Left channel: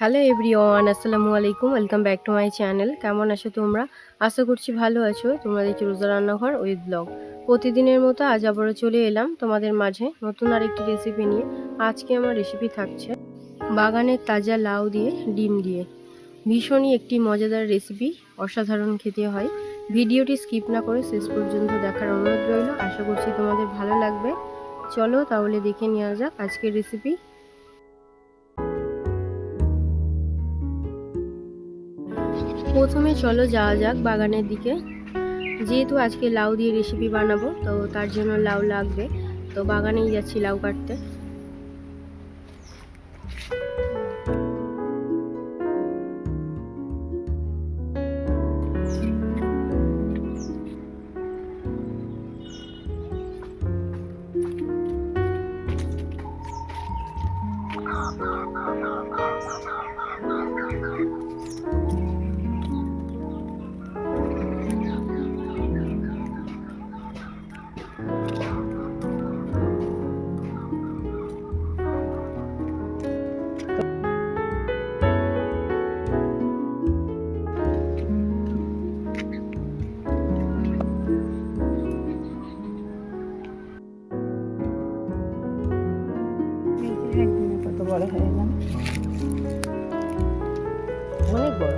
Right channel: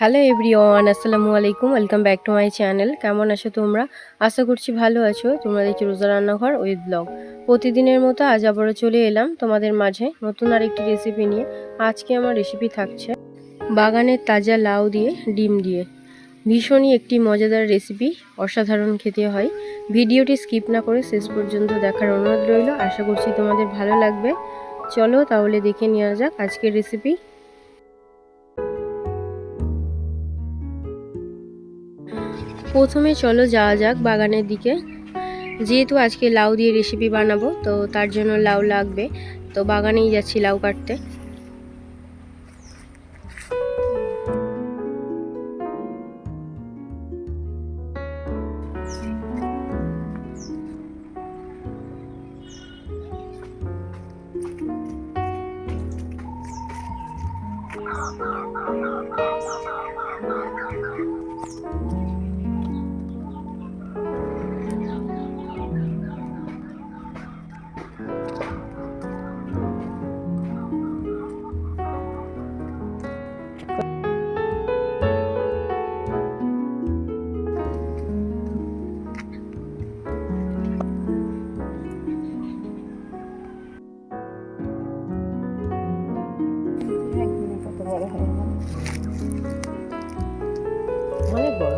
Hello everyone, আসসালামু আলাইকুম, welcome back to my channel. কেমন আছো তোমরা? আশা করছি ভালো আছো। তোমরা দেখছি রোজা রান্নাঘর উইথ ব্লগ। প্রতিদিনের মতো আজ আবারও চলে এলাম তোমাদের মাঝে নতুন আরেকটি রেসিপি নিয়ে। আজকে আমার রেসিপি থাকছে বাগানের তাজা লাউ দিয়ে ডিম দিয়ে। ভীষণই একটি মজাদার রেসিপি অসাধারণ খেতে হয়। ভিডিওটি স্কিপ না করে শেষ পর্যন্ত দেখার অনুরোধ রইল। আশা করছি তোমাদের ভালো লাগবে। চলো তাহলে দেখে নেওয়া যাক আজকের রেসিপি প্রথমে চলো যাওয়া যাক বাগানের দিকে। যেহেতু আজকে লাউ দিয়ে রেসিপি বানাবো, তো তার জন্য লাউ লাগবে। তো বাগানেই যাচ্ছি লাউ কাটতে। অনেক বড়।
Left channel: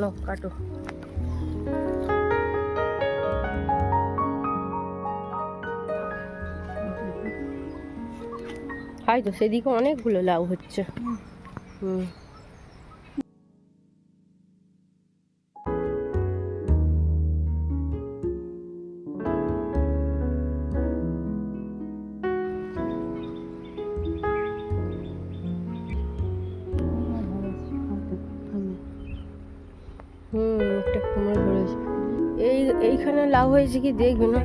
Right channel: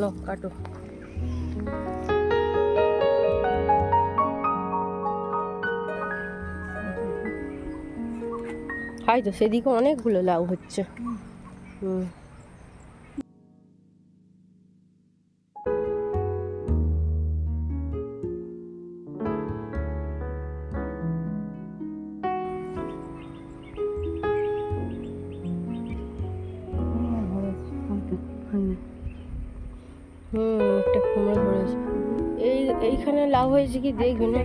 লো কাটো। হয় তো সেদিকে অনেকগুলো লাউ হচ্ছে। হুম। এই এইখানে লাউ হয়েছে কি? দেখবে না?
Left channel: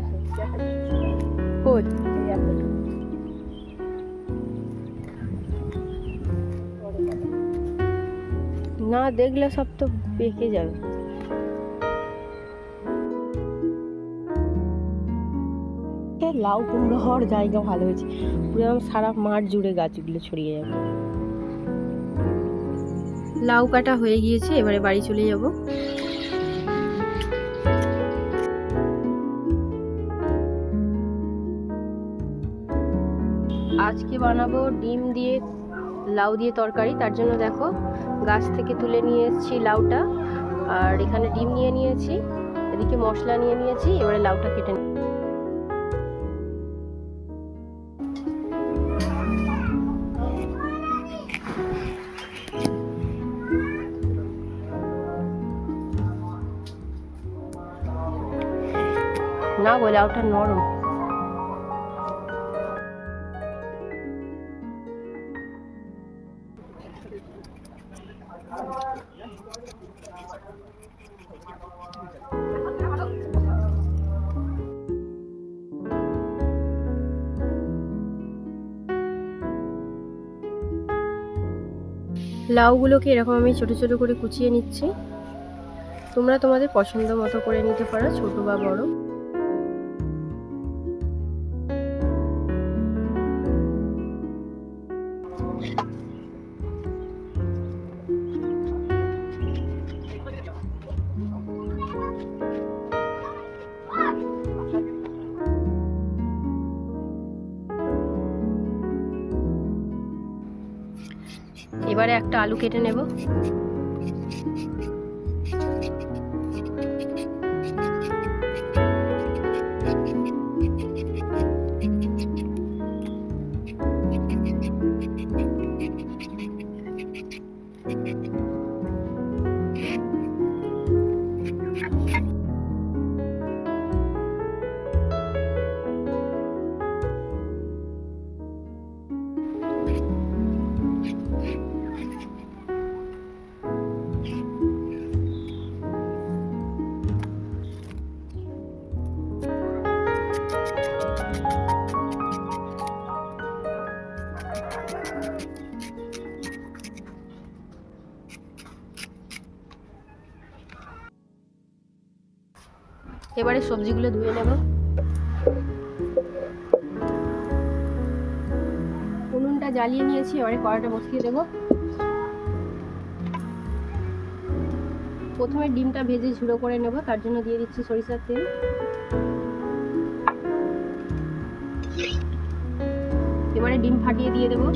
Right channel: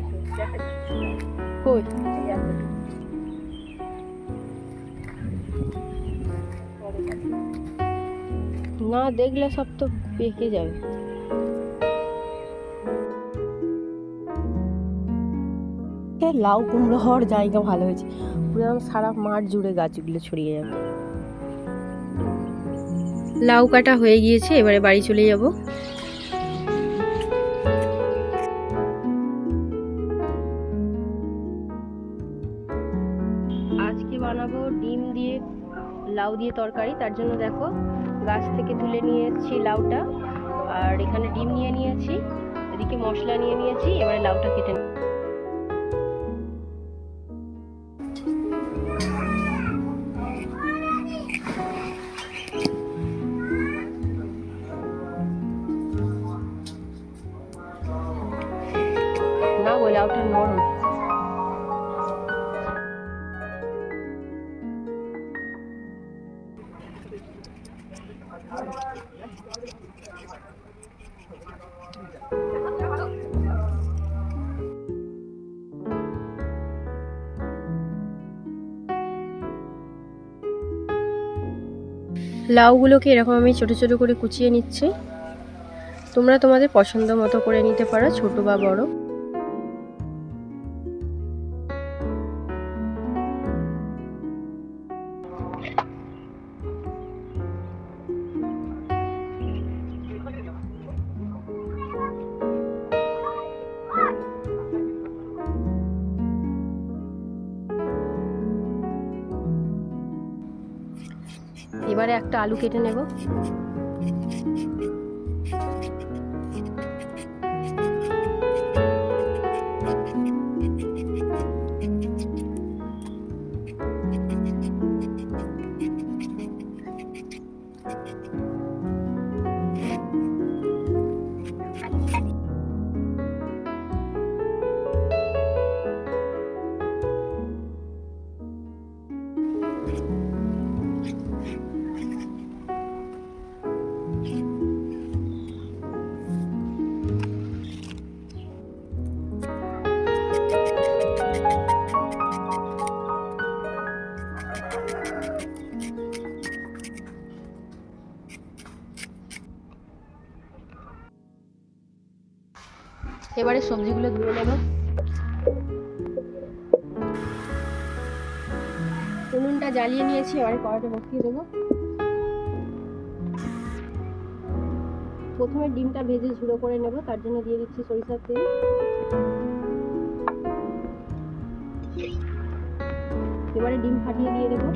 না দেখলে সব তো পেকে যাবে। লাউ কুমড়ো হওয়ার জায়গা ভালো হয়েছে। পুরো সারা মাঠ জুড়ে গাছগুলো ছড়িয়ে যাবে। লাউ কাটা হয়ে গিয়েছে, এবারে বাড়ি চলে যাব। আজকে বানাবো ডিম দিয়ে লাউ দিয়ে তরকারি। তার জন্য দেখো গাছ থেকে তুলে নিয়ে এসেছি লাউটা। আর এখানে ডিম নিয়ে নিয়েছি, এদিকে মশলা নিয়ে নিয়েছি, এবারে লাউটা কেটে। না গো, লাউটা নরম। লাউগুলোকে এরকম আমি ছোট ছোট করে কুচিয়ে নিচ্ছি। তোমরা তোমাদের পছন্দ মতো করে নিতে পারো, ছোট বা বড়। এবারে একটা আলু কেটে নেব। এবারে সবজিগুলো ধুয়ে নেব। উনুনটা জ্বালিয়ে নিয়েছি, এবারে কড়াটা বসিয়ে দেবো। প্রথমে ডিমটা ভেজে ঝুড়ো করে নেব, তার জন্য দিয়ে দিচ্ছি সরিষার তেল। এবারে ডিম ফাটিয়ে দিয়ে দেবো।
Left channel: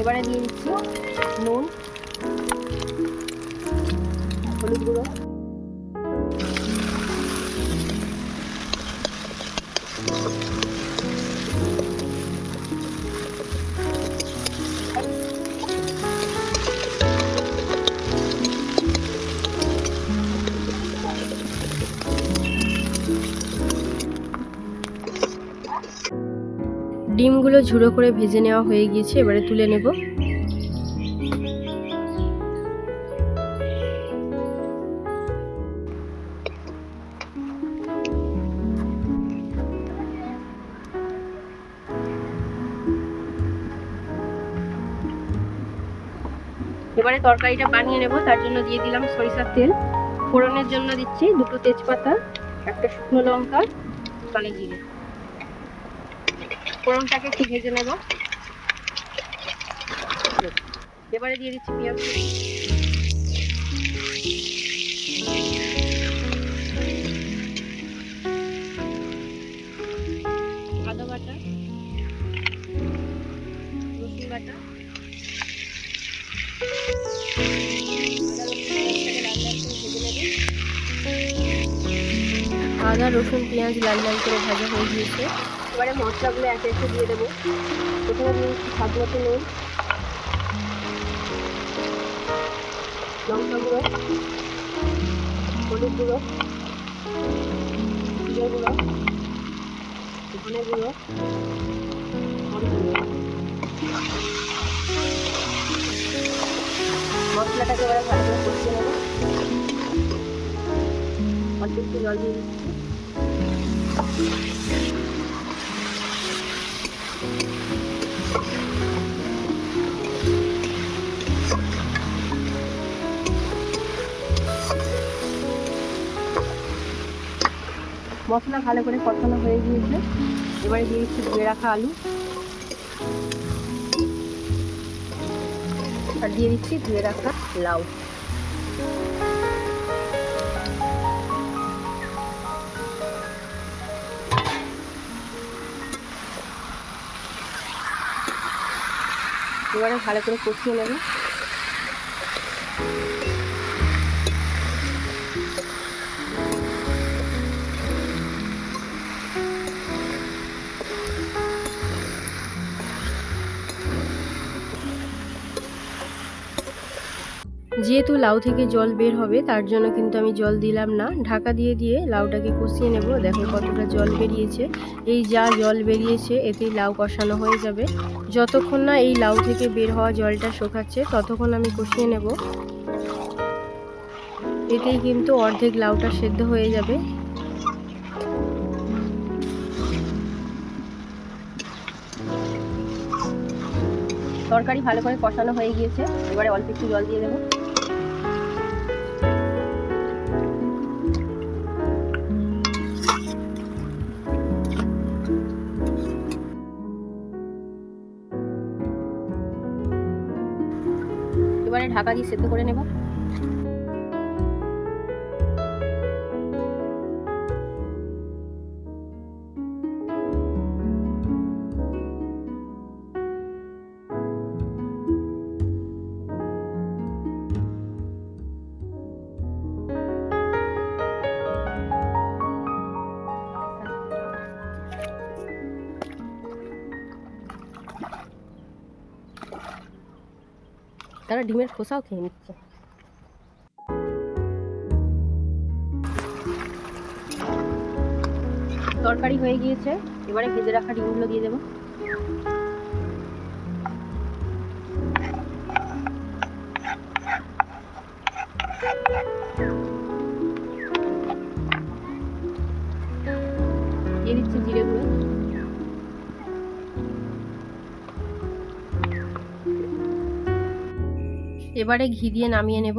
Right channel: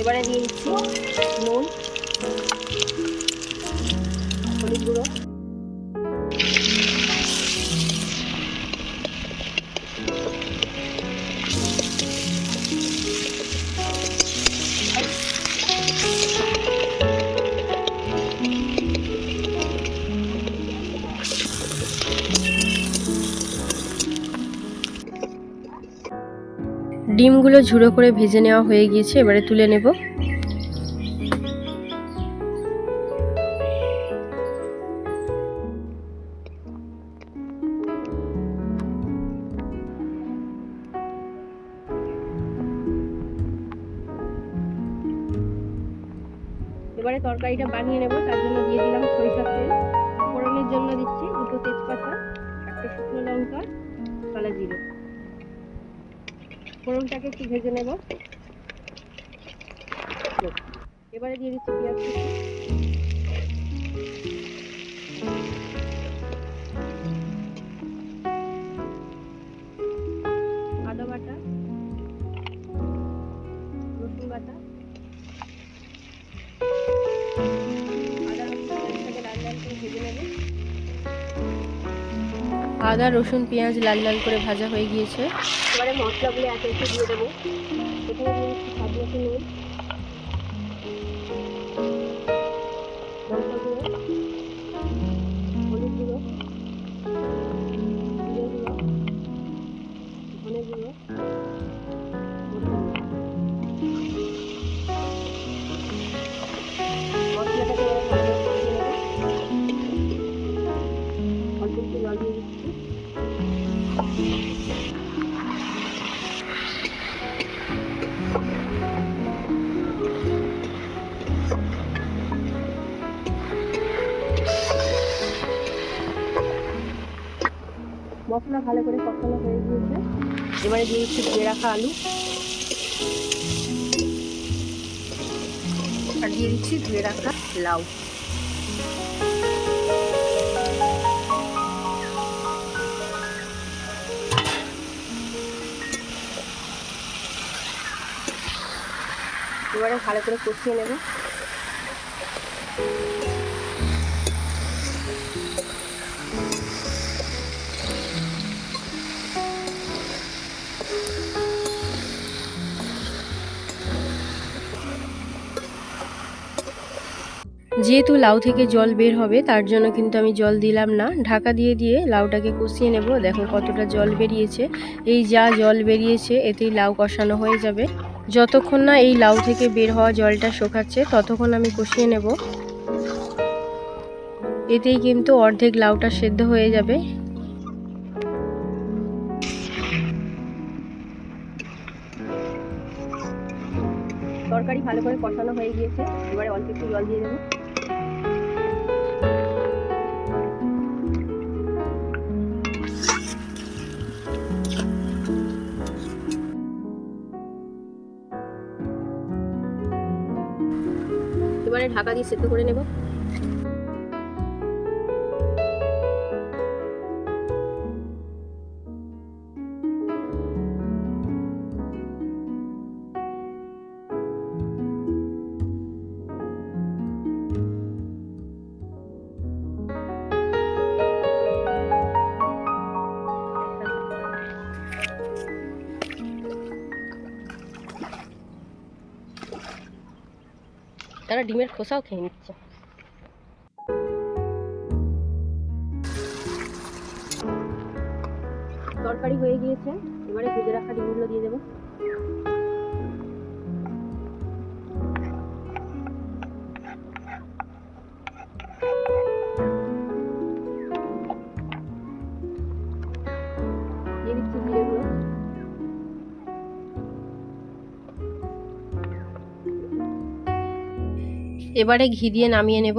এবারে দিয়ে দিচ্ছি নুন হলুদ গুঁড়ো। ডিমগুলো ঝুড়ো করে ভেজে নেওয়া হয়ে গিয়েছে, এবারে তুলে নেব। এবারে তরকারিটা বানিয়ে নেব, তার জন্য দিয়ে দিলাম সরিষার তেল। ফোড়নের জন্য দিচ্ছি দুটো তেজপাতা, একটা শুকনো লঙ্কা কালো জিরে। ফোড়নটাকে একটু ভেজে নেব। এবারে দিয়ে দিচ্ছি পেঁয়াজ। আদা রসুন, পেঁয়াজ লাল লাল করে ভাজা হয়ে গিয়েছে। এবারে মশলাগুলো একে একে দিয়ে দেবো। প্রথমে স্বাদ মতো নুন, লঙ্কা গুঁড়ো, হলুদ গুঁড়ো, জিরে গুঁড়ো, ধনে গুঁড়ো, মরিচ গুঁড়ো। মশলাটাকে এবারে ভালো করে কষিয়ে নেব। অল্প একটু জল দিয়ে দিচ্ছি। মশলা ভালো করে কষানো হয়ে গিয়েছে। এবারে দিয়ে দিচ্ছি ধুয়ে রাখা আলু। আর দিয়ে দিচ্ছি ধুয়ে রাখা লাউ। এবারে ভালো করে কষিয়ে নেবে। যেহেতু লাউ থেকে জল বের হবে, তার জন্য কিন্তু আমি জল দিলাম না। ঢাকা দিয়ে দিয়ে লাউটাকে কষিয়ে নেব। দেখো কতটা জল বেরিয়েছে। এই যা জল বেরিয়েছে, এতেই লাউ কষানো হয়ে যাবে। যতক্ষণ না এই লাউ থেকে বের হওয়া জলটা শুকাচ্ছে, ততক্ষণ আমি কষিয়ে নেব। এতেই কিন্তু অর্ধেক লাউটা সেদ্ধ হয়ে যাবে। তরকারি ভালো করে কষানো হয়ে গিয়েছে। এবারে অল্প একটু জল দিয়ে দেবো। এবারে ঢাকা দিয়ে সেদ্ধ করে নেব। তারা ডিমের খোসাও খেয়ে নিচ্ছে। তরকারি হয়ে গিয়েছে এবারে ভেজে রাখা ডিমগুলো দিয়ে দেবো। এবারে ঘি দিয়ে নামিয়ে নেব।